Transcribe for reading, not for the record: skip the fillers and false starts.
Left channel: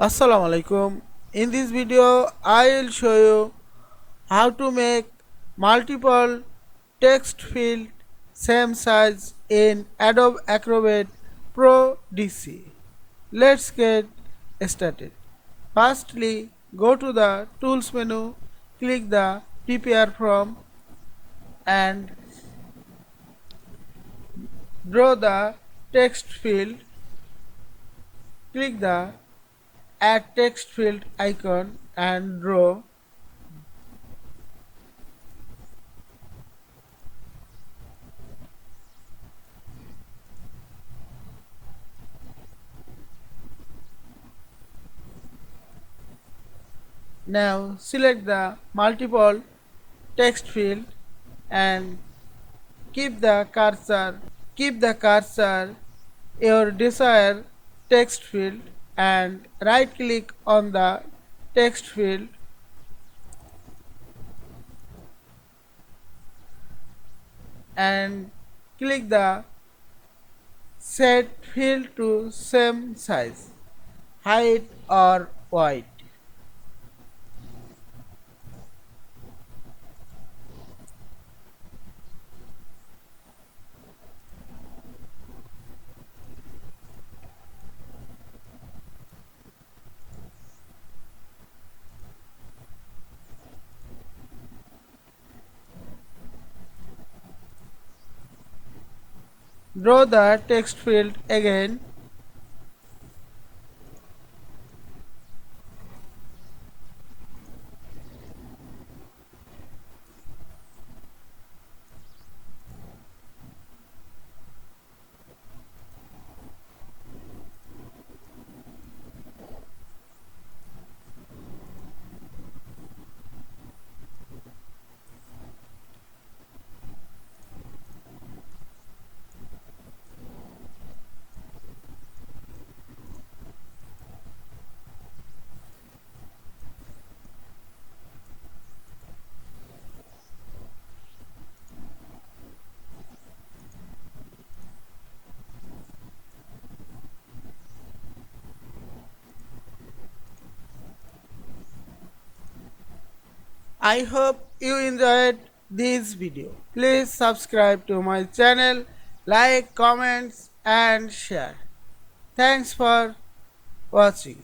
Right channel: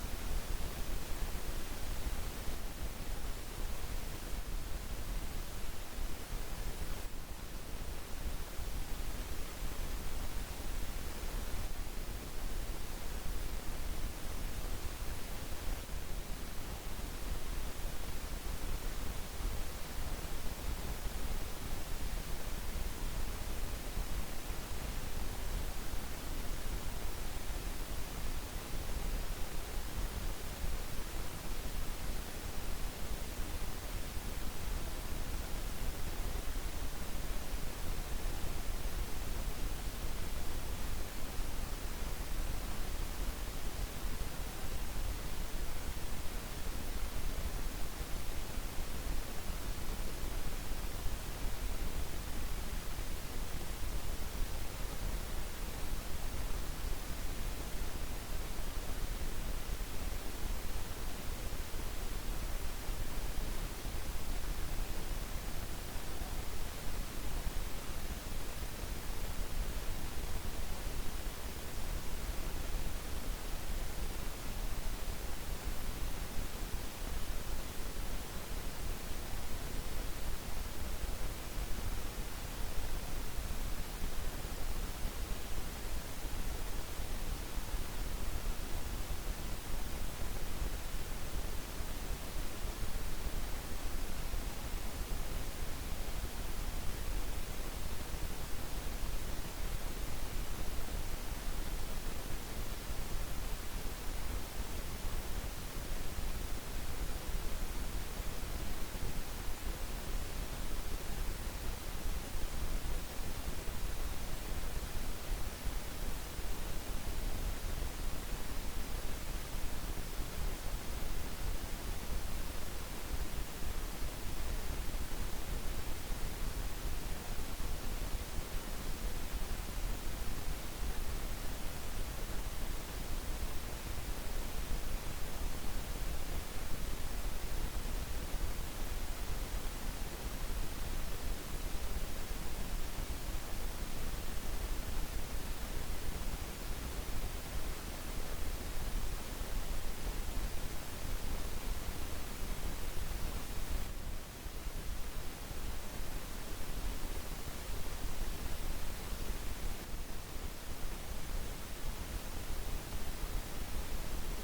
Assalamu Walaikum. In this video, I will show you how to make multiple text field same size in Adobe Acrobat Pro DC. Let's get started. Firstly, go to the Tools menu, click the Prepare From and draw the text field. Click the Add Text Field icon and draw. Now select the multiple text field and keep the cursor your desired text field and right click on the text field and click the set field to same size, height or width. Draw the text field again. I hope you enjoyed this video. Please subscribe to my channel, like, comments and share. Thanks for watching.